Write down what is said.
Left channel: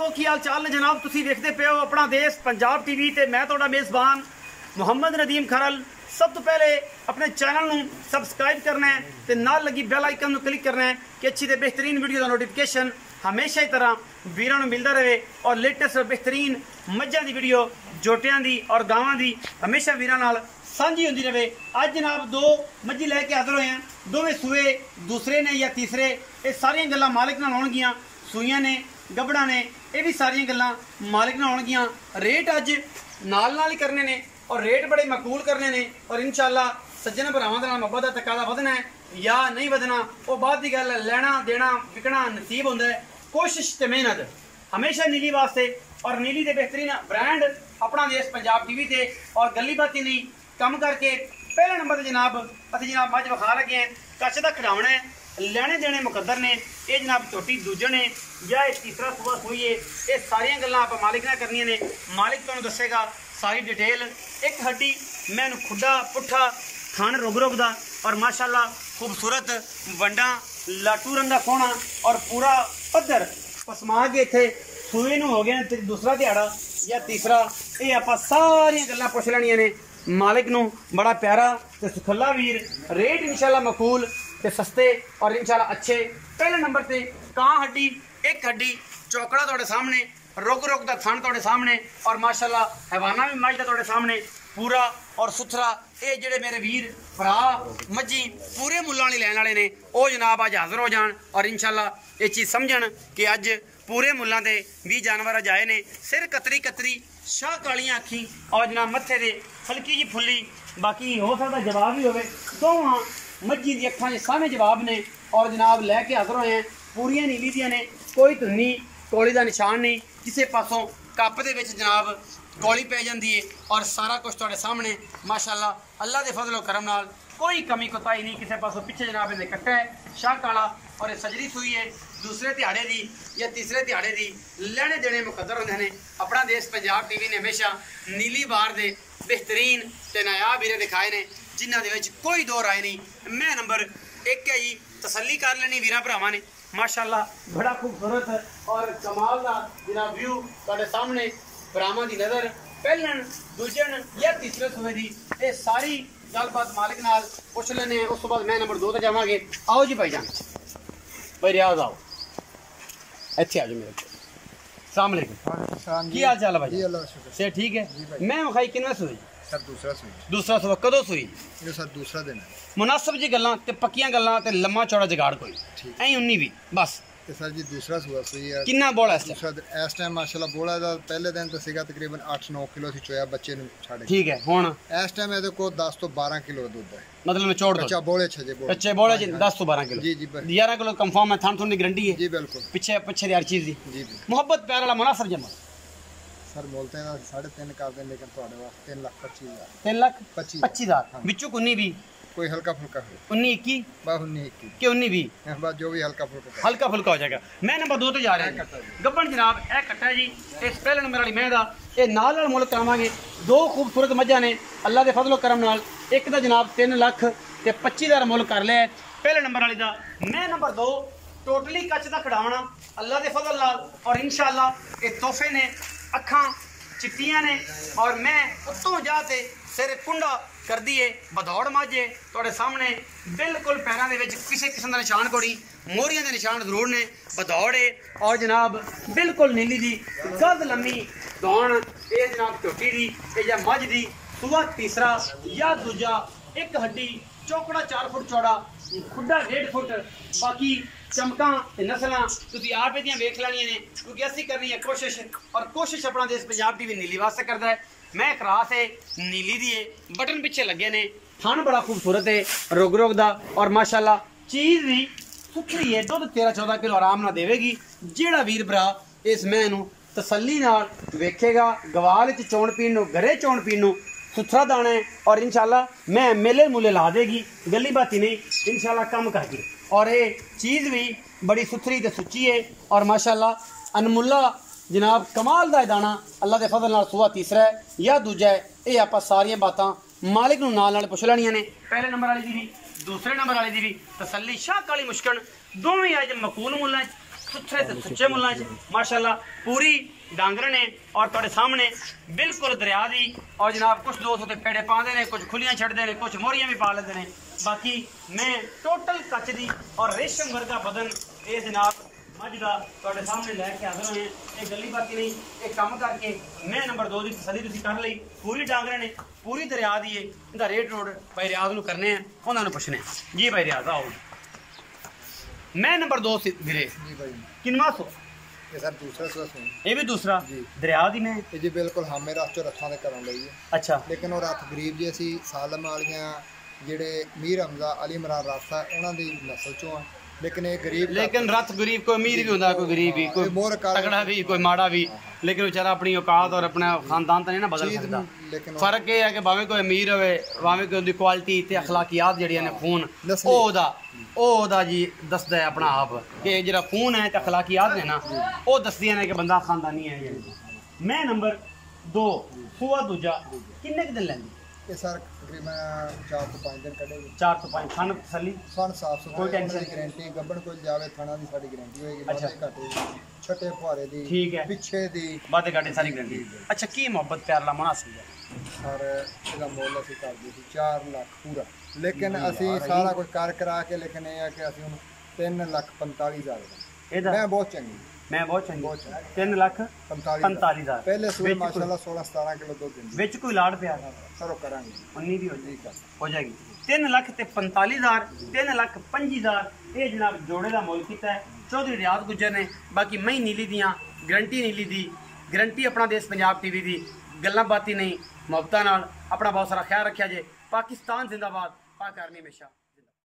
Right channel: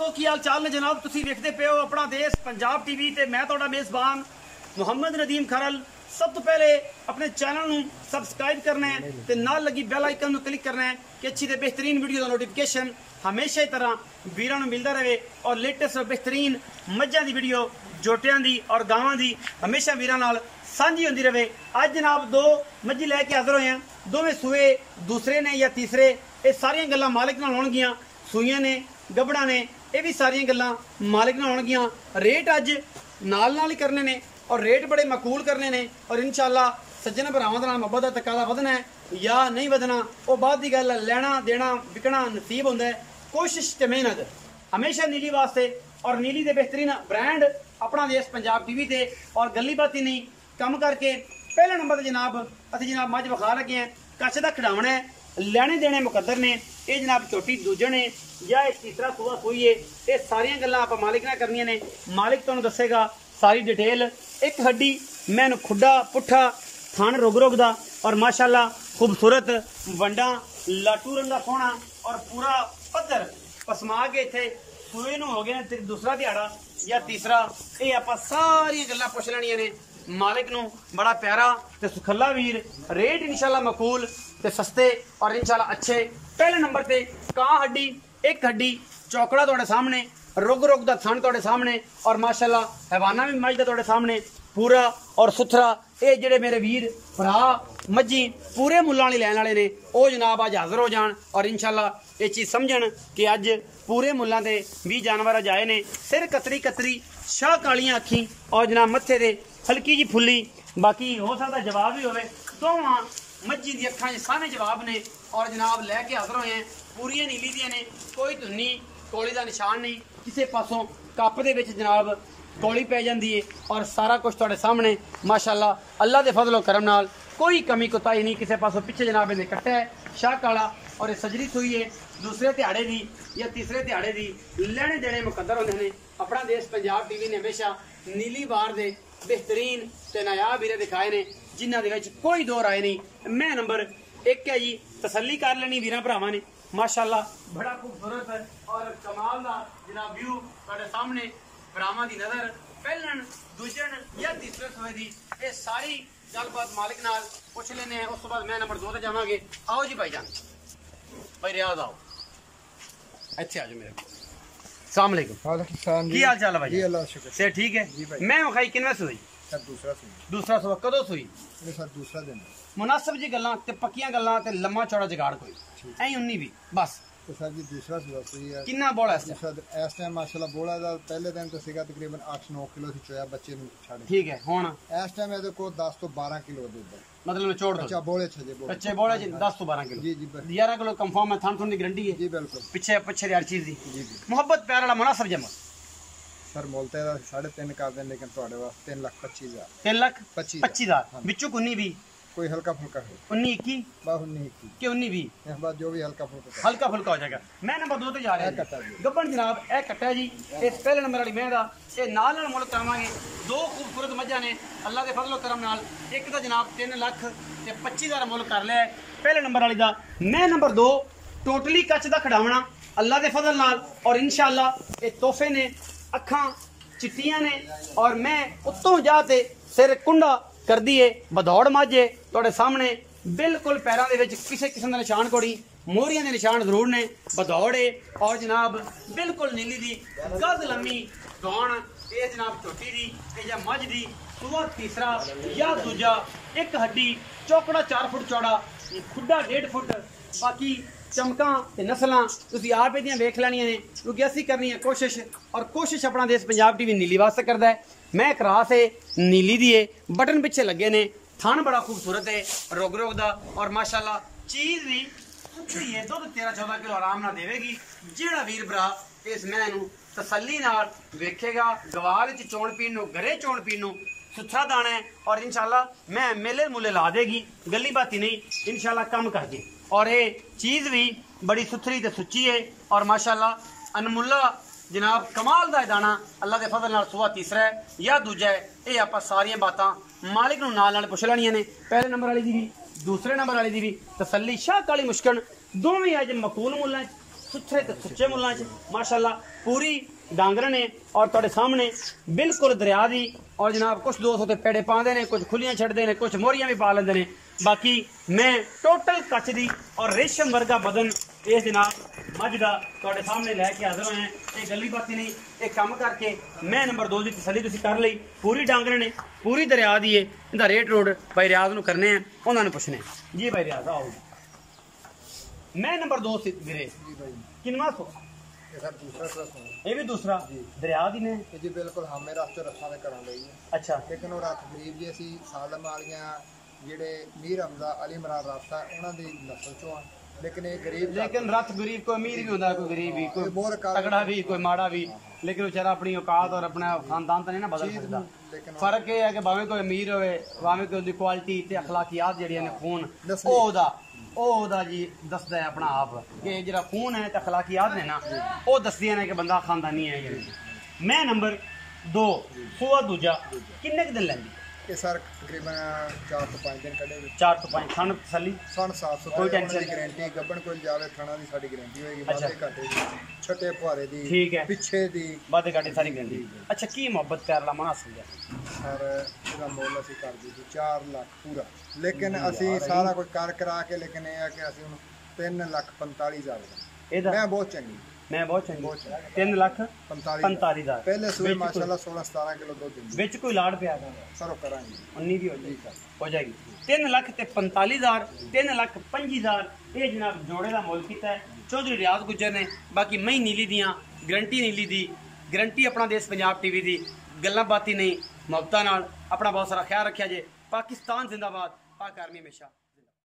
दोस्तों की हाल चाल ने जनाब तुसी देखते पे हो अपना देश पंजाब टीवी ते मैं तुहाडा मेज़बान मुहम्मद नदीम खरल। सब तो पहले अपने चैनल नू सबसक्राइब करना है ते नाल लगी बेल आइकन नू क्लिक करना है कि अच्छी ते बेहतरीन वीडियो का नोटिफिकेशन हमेशा की तरह वीरां नू मिलता रहे और लेटेस्ट और बेहतरीन मज्जां दी वीडियो जोटियां दी और गावां दी हमेशा वीरां नाल साझी होंदी रहे। अज जनाब दो मज्जी लैके हाजिर होए हैं, दोवें सूए दूसरे ने या तीसरे, ये सारियां गल्लां मालिक नाल होणगियां। सूइयां ने गबड़ा ने ये भी सारियां गल्लां मालिक नाल होणगियां। रेट अज नाल नाल ही करने ने और रेट बड़े मकबूल करने ने और इंशाअल्लाह सज्जन भरावां दा मब्बत दा तकादा वधना है या नहीं वधना वो बाद दी गल है। लेना देना विकना नसीब हुंदा है, कोशिश ते मेहनत हमेशा नीली वास्ते और नीली दे बेहतरीन ब्रांड अपना देश पंजाब टीवी ते और गली बाती नहीं कम करके पहला नंबर ते जनाब असीं जनाब मज विखा लगे हैं। कच्छ दा खिडावना है, लेने देने मुकद्दर ने, ये जनाब छोटी दूजन है या तीसरा सुबह सुई है। ये सारियां गल्लां आप मालिक ने करनियां ने, मालिक तुहानूं दस्सेगा सारी डिटेल। एक हड्डी मैनू खुड्डा पुट्ठा खान रुग रुग दा और माशाअल्लाह खूबसूरत वंडा लाटू रंगा सोहना और पूरा पद्धर पसमा के इत्थे सूए नूं हो गया दूसरा दिहाड़ा या तीसरा। ये आप सारियां गल्लां पुछ लैणियां ने मालिक नूं। बड़ा प्यारा ते सुखला वीर, रेट इंशाअल्लाह मकूल ते सस्ते और इंशाअल्लाह अच्छे। पहले नंबर पे कां हड्डी, एक हड्डी चौकड़ा तुहाडे सामने, रुग रुग दा थन तुहाडे सामने और माशाअल्लाह हैवाना भी मज दा तुहाडे सामने पूरा और सुथरा। ये जेडे मेरे वीर भरा मज्जी पूरे मुल्लां वाली लैन वाले ने वो जनाब अज हाजिर हो जान और इंशाअल्लाह ये चीज़ समझन कि अज पूरे मुल्लां दे भी जानवर अज आए ने। सिर कतरी कतरी, शाह कालियां अखी और जनाब मत्थे दे हल्की जी फुल्ली। बाकी हो सकता जवाब भी होवे, दोवां मज्जी दी अखां सामने जवाब ने और जनाब लैके हाजिर होए हैं। पूरियां नीली दियां ने, कोई धुन्नी कोली का निशान नहीं, किसी पासों कप दे विच जनाब कौली पै जाती है और सारा कुछ तुहाडे सामने माशाअल्लाह अल्लाह के फजलो करम नाल कोई कमी कोताही नहीं। किसी पासों पिछे जनाब इन्हें कट्टा है शाह काला और ये सजरी सुई है दूसरे दिहाड़े दी या तीसरे दिहाड़े दी। लेने देने मुकद्दर होंदे ने। अपना देश पंजाब टीवी ने हमेशा नीली बार दे बेहतरीन ते नायाब हीरे दिखाए ने जिन्हां दे विच कोई दो राय नहीं। मैं नंबर एक है जी, तसल्ली कर लेनी वीरां भरावां ने। माशाअल्लाह बड़ा खूबसूरत और कमाल दा जनाब व्यू तुहाडे सामने भरावां दी नज़र पहलन दूजन या तीसरे सूए दी। ये सारी गलबात मालिक नाल पुछ लेने हैं। उस तो बाद मैं नंबर 2 ते जावांगे। आओ जी भाईजान, भाई रियाज आओ, अच्छे आ जाओ मेरे को। अस्सलाम वालेकुम, की हाल चाल है भाई? अल्लाह शुक्र से ठीक है। मैं विखाई किन्ना सूई? सर दूसरा सूई। दूसरा सूआ कदों सूई? ये सर दूसरा दिन है। मुनासिब जी गल्लां ते पक्कियां गल्लां ते लम्मा चौड़ा जुगाड़ कोई ऐ 19 भी बस। ते सर जी दूसरा सूआ सूई है। किन्ना बोला इस दूसरा इस टाइम माशाल्लाह बोला दा पहले दिन तो सीगा तकरीबन 8-9 किलो सी चोया बच्चे नु छाड़े। ठीक है। हुन इस टाइम ਇਹਦੇ ਕੋਲ 10 ਤੋਂ 12 किलो दूध है। मतलब निचोड़ दो। अच्छा बोले छजे बोले। कच्चे बोले जी 10 ਤੋਂ 12 किलो। जी जी 11 किलो कंफर्म है। थान थोड़ी गारंटी है जी बिल्कुल। पीछे पीछे दी हर चीज दी जी मोहब्बत प्यार वाला मुनासिब जमा। सर मोलते दा 3.5 कर दें लेकिन ਤੁਹਾਡੇ ਵਾਸਤੇ 3,25,000 3,25,000 ਵਿੱਚੋਂ 19 भी कोई हल्का फुल्का है 19 21 बा 19 21 के 19 भी बस जो भी हल्का फुल्का हल्का फुल्का हो जाएगा। मैं नंबर 2 ਤੇ ਜਾ ਰਿਹਾ ਗੱਬਣ जनाब ਇਹ ਕੱਟਾ जी। ਇਸ ਪਹਿਲੇ ਨੰਬਰ ਵਾਲੀ ਮੈਂ ਦਾ ਇਹ ਨਾਲ ਮੁੱਲ ਕਰਾਵਾਂਗੇ। ਦੋ ਖੂਬਸੂਰਤ ਮੱਝਾਂ ਨੇ ਅੱਲਾ ਦੇ ਫਜ਼ਲੋ ਕਰਮ ਨਾਲ। ਇੱਕ ਦਾ ਜਨਾਬ 3 ਲੱਖ ਤੇ 25,000 ਮੁੱਲ ਕਰ ਲਿਆ ਪਹਿਲੇ ਨੰਬਰ ਵਾਲੀ ਦਾ। ਮੈਂ ਨੰबर 2 ਟੋਟਲੀ ਕੱਚ ਦਾ ਖੜਾਵਣਾ ਅੱਲਾ ਦੇ ਫਜ਼ਲ ਨਾਲ और इंशाअल्लाह ਇਹ ਤੋਹਫੇ ਨੇ। ਅੱਖਾਂ चिट्टियां ने और मैं उत्तों जाते सिर कुंडा कर दिए बदौड़ माझे तुहाडे सामने बिल्कुल पैरों के किसी किस्म का निशान कोई मोहरियां के निशान जरूर ने बदौड़े और जनाब बिल्कुल नीली दी गद लम्मी दौड़। ये जनाब झोटी दी या मझ दी सूआ तीसरा या दूजा। एक हड्डी चौकड़ा 4 फुट चौड़ा, खुड्डा 1.5 फुट। बाकी चमकां ते नस्लां तुसीं आप इहदियां वेख लैणियां ने क्योंकि असीं करनी है कोशिश और कोशिश अपना देश पंजाब टीवी नीली वास्ते करदा है। मैं क्रास है नीली दी है, बटन पिछे लगे ने, थान बड़ा खूबसूरत है रुग रुग दा और माशाअल्लाह चीज़ भी सुथरी है। दुध 13-14 किलो आराम नाल देवेगी। जेड़ा वीर भरा इस मैं नूं तसल्ली नाल वेखेगा गवाल च चोण पीण नूं घरे चोण पीण नूं सुथरा दाना है और इंशाअल्लाह मैं मेले मूले ला देगी गली बाती नहीं इंशाअल्लाह कम करके। और ये चीज़ भी बड़ी सुथरी ते सुच्ची है और माशाअल्लाह अनमुल्ला जनाब कमाल दा दाना अल्लाह के फजल नाल। सूआ तीसरा है या दूजा है, ये आप सारियां बातां मालिक नूं नाल पुछ लैणियां ने। पहले नंबर वाली दी भी दूसरे नंबर वाली दी भी तसल्ली। शाह काली मुश्कन दोवें अज मकूल मुल्लां सुथरे ते सुच्चे मुल्लां च माशाअल्लाह पूरी डांगर ने और तुहाडे सामने बिल्कुल दरिया दी। और जनाब कुछ दोस्त उत्ते पेड़े पाते हैं, कुछ खुलियां छड्डदे ने, कुछ मोहरियां भी पा लेंदे ने। बाकी मैं टोटल कच दी और रेशम वर्गा बदन ये जनाब मझ का तुहाडे सामने लैके हाजिर होए हैं। ये गल्ली बाती नहीं, ये काम करके मैं नंबर 2 की तसली तुसीं कर लई। पूरी डांगर ने, पूरी दरिया दी है। इहदा रेट रोड भाई रियाज नूं करने हैं, उन्होंने पुछने हैं। जी भाई रियाज आओ। मैं नंबर 2 से गिरे जी भाई किनवा सो ये सर दूसरा सो ये भी दूसरा जी दरिया दी ने ਇਹ ਜੀ ਬਿਲਕੁਲ ਹਾਮੇ ਰਸ ਚੋਂ ਰੱਥਾਂ ਦੇ ਘਰੋਂ ਲਈ ਹੈ। अच्छा ਲੇਕਿਨ ਉਹ ਰੱਥ ਗਰੀਬ ਜੀ ਅਸੀਂ ਸਾਲਮ ਵਾਲੀਆਂ ਜਿਹੜੇ ਮੀਰ ਹਮਜ਼ਾ ਅਲੀ ਇਮਰਾਨ ਰੱਥ ਆ ਉਹਨਾਂ ਦੀ ਨਸਲ ਚੋਂ ਆ। ਲੇਕਿਨ ਇਹ ਗਰੀਬ लेकिन रथ गरीब कोई अमीर भी होता, कोई गरीब भी, कोई मोर काला- तगड़ा भी, कोई माड़ा भी, लेकिन बेचारा अपनी औकात और अपना खानदान तो नहीं ना बदल चीज सकता। लेकिन फर्क ये है कि भावें कोई अमीर होवे, भावें कोई उहदी क्वालिटी ते अखलाकियात जेहड़ियां ने खून नस्ली। ओदा जी दसदा है अपना आप कि जेहड़ा खून है ते अखलाकियात ने ना ओ दसदियां ने कि बंदा खानदानी है। मैं नंबर 2 हुआ दूजा किन्ने क दिन लैंदी? ਇਹ ਸਰ ਤਕਰੀਬਨ 4 ਤੋਂ 5 ਦਿਨ ਕੱਢੇਗੀ। 4 ਤੋਂ 5 ਖਾਨ ਤਸੱਲੀ ਸਨ ਸਾਫ ਕੋਈ ਸੁਥਰਾ tension ਦੀ ਗਾਰੰਟੀ ਗੱਬਣ ਕੋਲ ਜਾਵੇ ਥਾਣਾ ਦੀ ਸਾਡੀ ਗਾਰੰਟੀ ਹੋਏਗੀ। ਅੱਛਾ। ਬਾਦੇ ਘਾਟੇ ਦੀ ਛੱਟੇ ਫੁਹਾਰੇ ਦੀ ठीक है ਪਿੱਛੇ ਦੀ बातें काटे सारी गारंटी। अच्छा की मोहब्बत प्यार ला मुनासिब है? ਸਰ ਇਹਦਾ ਮੁੱਲ ਅਸੀਂ ਕਰਦੇ ਸੀ 4 ਲੱਖ ਪੂਰਾ। ਲੇਕਿਨ ਅਸੀਂ ਸਾਰਾ ਕੁਝ ਕਰ ਕਰਾ ਕੇ ਲੇਕਿਨ ਇਹ ਆ ਕਿ ਅਸੀਂ ਹੁਣ 3,45,000 ਦਾ ਇਹਦਾ ਮੈਂ ਬਹੁਤ ਚੰਗੀ मैं बहुत चंगी बहुत चंगी। 3 ਲੱਖ 45,000 ਪਹਿਲੇ ਸੂਏ ਵਿੱਚ ਕੋਈ- ਮਾਸ਼ਾਅੱਲਾ 16-17 ਕਿਲੋ ਦੁੱਧ ਦਿੰਦੀ ਵਿੱਚ ਕੋਈ ਲਾੜ ਪਿਆ ਸਰ ਉਹ ਕਰਾਂਗੇ 19 ਦੀ ਹੋ ਜਾਏਗੀ ਠੀਕ ਆ। ਹੋ ਜਾਏਗੀ 3 ਲੱਖ ਤੇ 45,000 3 ਲੱਖ 25,000 ਇਹ ਜਨਾਬ ਜੋੜੇ ਦਾ ਮੁੱਲ ਕੀਤਾ ਹੈ ਚੌਧਰੀ ਰਿਆਜ਼ ਗੁੱਜਰ ਨੇ। ਬਾਕੀ ਮੈਂ ਨੀਲੀ ਦੀਆਂ ਗਰੰਟੀ ਨੀਲੀ ਦੀ ਗਰੰਟੀ ਆਪਣਾ ਦੇਸ਼ ਪੰਜਾਬ ਟੀਵੀ ਦੀ ਗੱਲਾਂ ਬਾਤੀ ਨਹੀਂ ਮੁਹੱਬਤਾਂ ਨਾਲ। ਆਪਣਾ ਬਹੁਤ ਸਾਰਾ ਖਿਆਲ ਰੱਖਿਆ ਜੇ। ਪਾਕਿਸਤਾਨ ਜ਼ਿੰਦਾਬਾਦ, ਪਾਕ ਆਰਮੀ ਹਮੇਸ਼ਾ।